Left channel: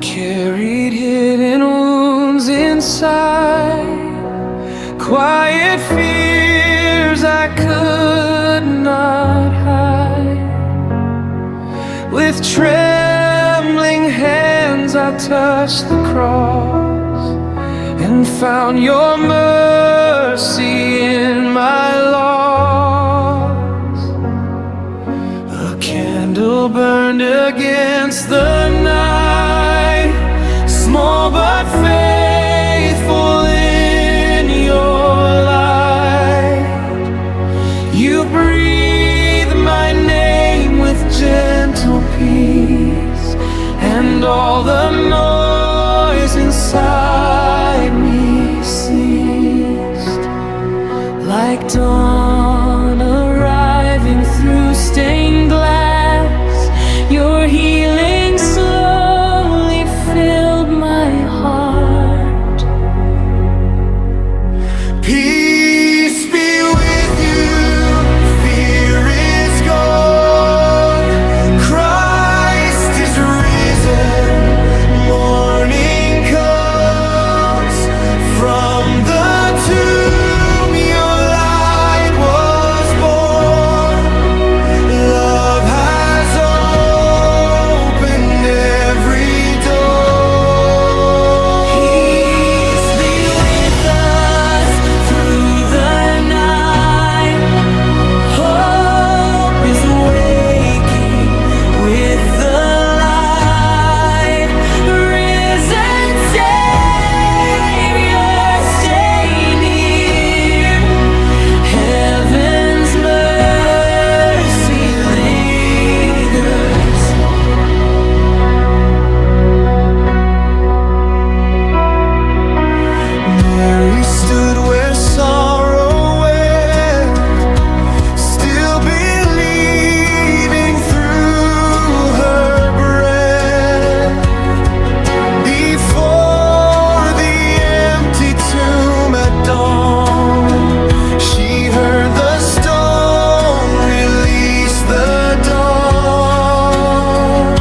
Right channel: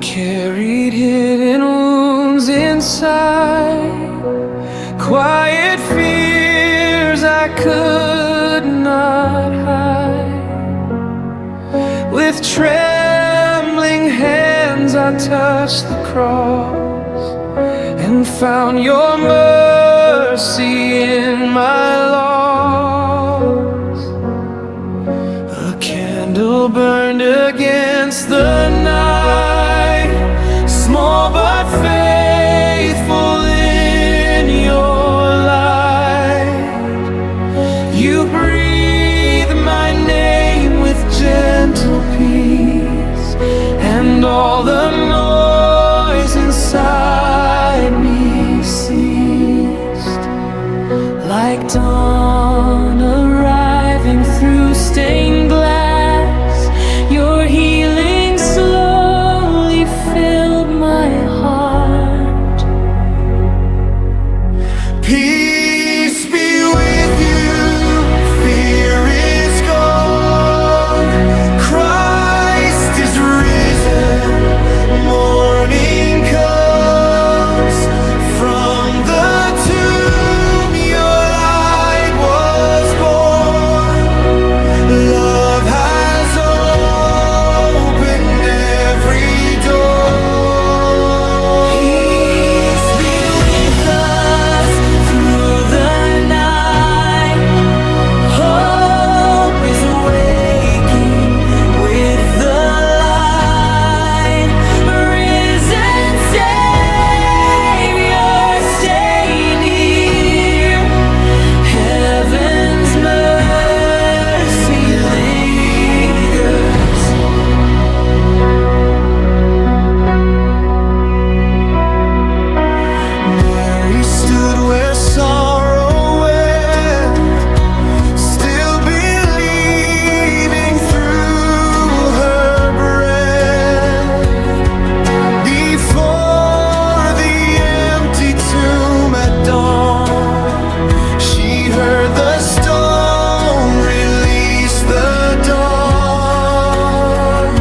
carried hidden wounds inside, quiet fears I could not hide. With trembling hands I touched the cross and found your mercy in my loss. A candle burned against the night, small but faithful in your light. You breathe my name with gentle peace, and all the noise inside me ceased. Like dawn arriving through stained glass, your healing slowly filled my heart. Peace be with you, fear is gone, Christ is risen, morning comes. From the tomb your light was born, love has opened every door. Peace be with us through the night, hope is waking with the light. Risen Savior, stay near, heaven's mercy lingers. Mary stood where sorrow went, still believing through her breath. Before the empty tomb at dawn, she heard the stone release the dawn.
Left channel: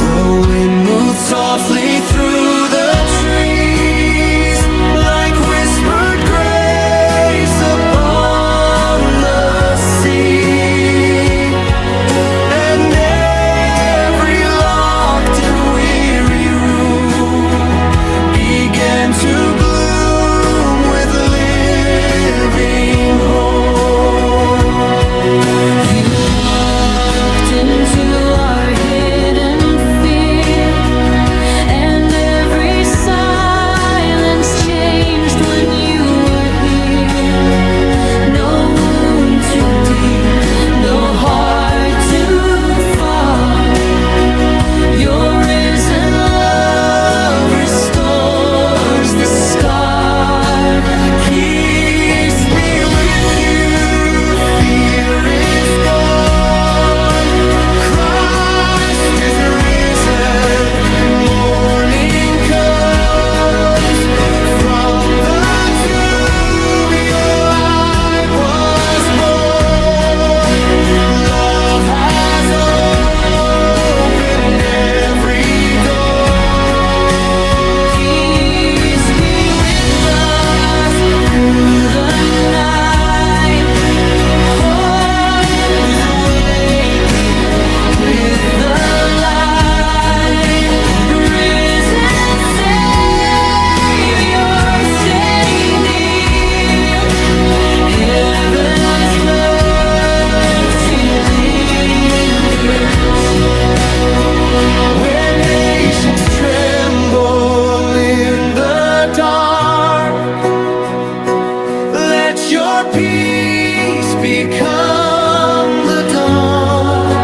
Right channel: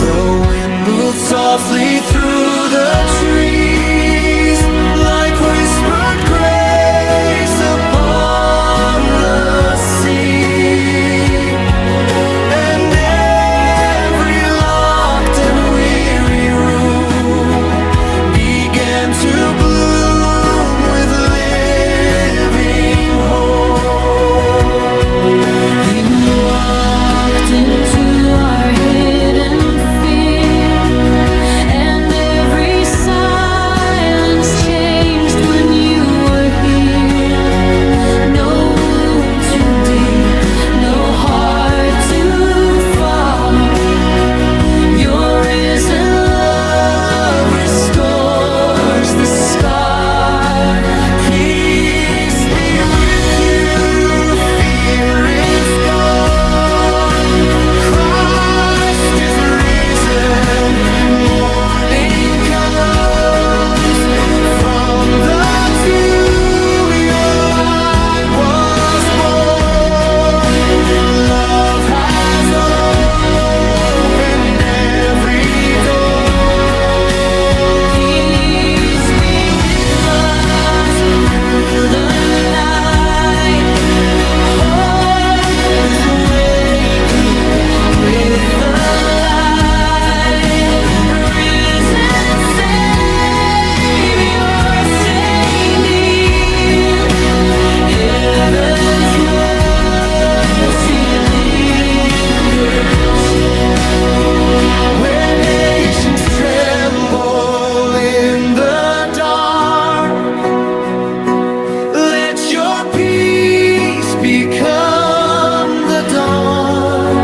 The wind moved softly through the trees, like whispered grace upon the sea. And every locked and weary room began to bloom with living hope. You walked into our hidden fear, and every silence changed when you were here. No wound too deep, no heart too far. Your risen love restores the scar. Peace be with you, fear is gone, Christ is risen, morning comes. From the tomb your light was born, love has opened every door. Peace be with us through the night, hope is waking with the light. Risen Savior, stay near, heaven's mercy lingers. Where nations tremble in the dark, let your peace become the dawn.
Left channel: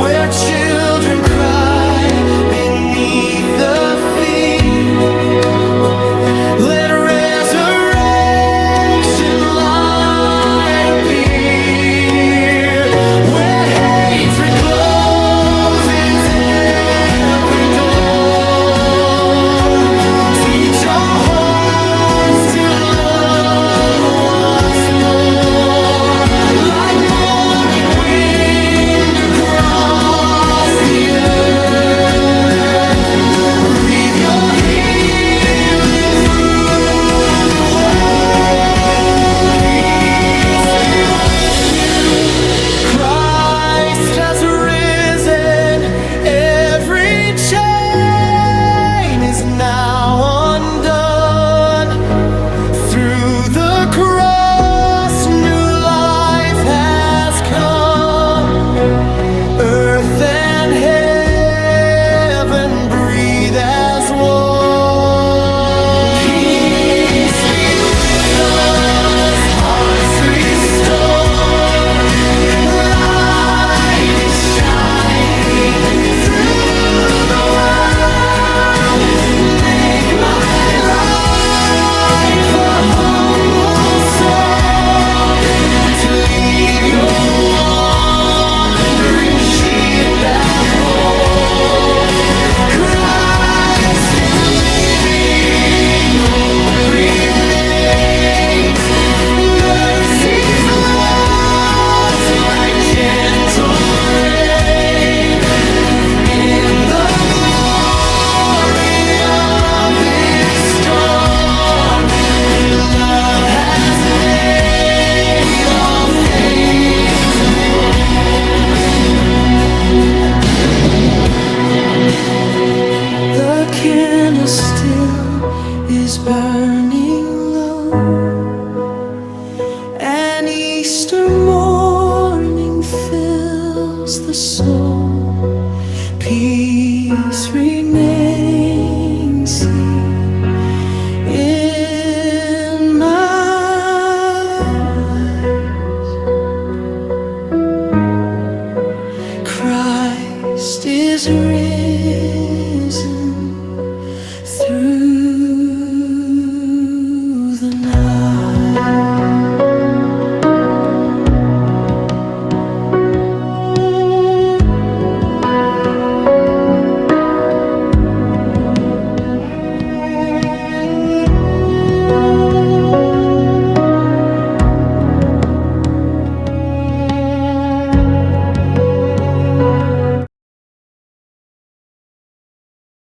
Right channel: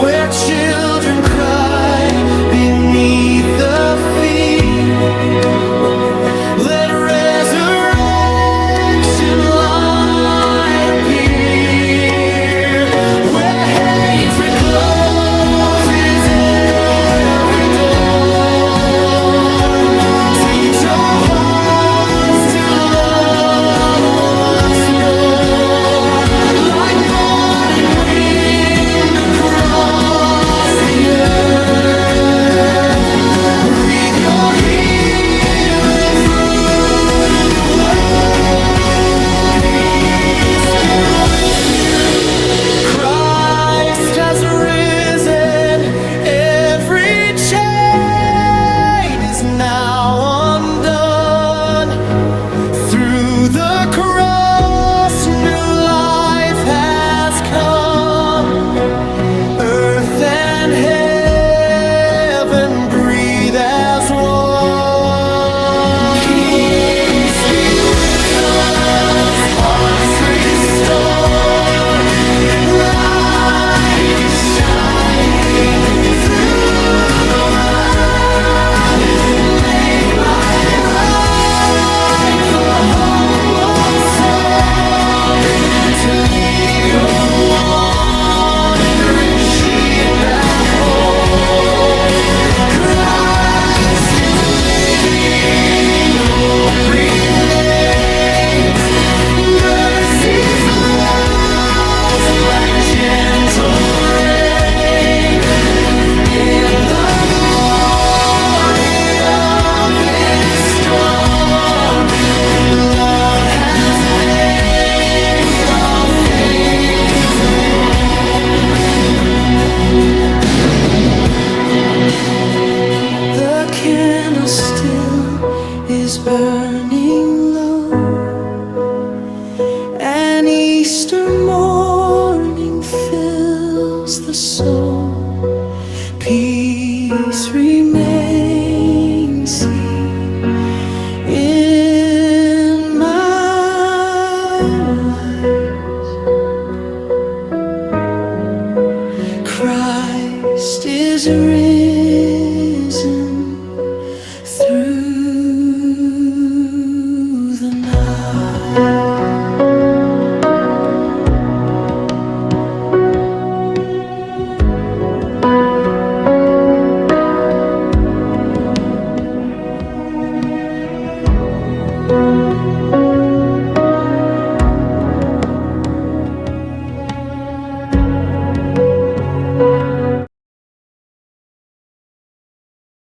Where children cry beneath the field, let resurrection light appear. Where hatred closes every door, teach our hearts to love once more. Like morning wind across the earth, is now undone. Through the cross, new life has come. Earth and heaven breathe as one. Peace be with us, hearts restored. Light is shining through the world. Make my life a humble song to lead your wandering sheep back home. Christ is living, hope remains. Mercy flows like gentle rain. In the glory of this dawn, love has made all things reborn. The candle still is burning low. An Easter morning fills the soul. Peace remains here in my life. Christ is risen.